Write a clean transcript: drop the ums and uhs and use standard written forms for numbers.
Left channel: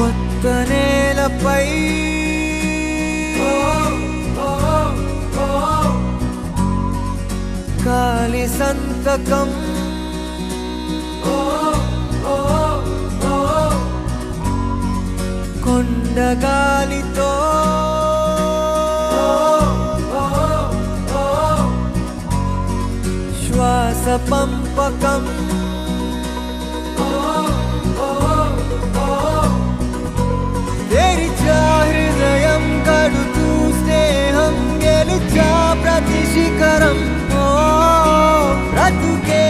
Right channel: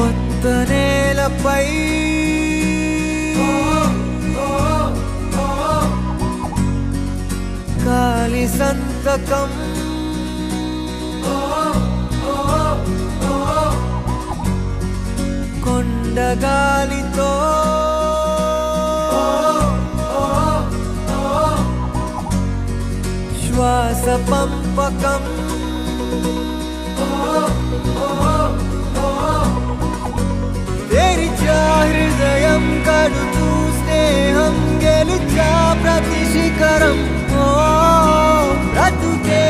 కొత్త నేలపై కాలి సంతకం కొండగాలితో శ్వాస పంపకం తెరిచా హృదయం కడుతూ స్నేహం గెలిచా ప్రతి శిఖరం బ్రతుకే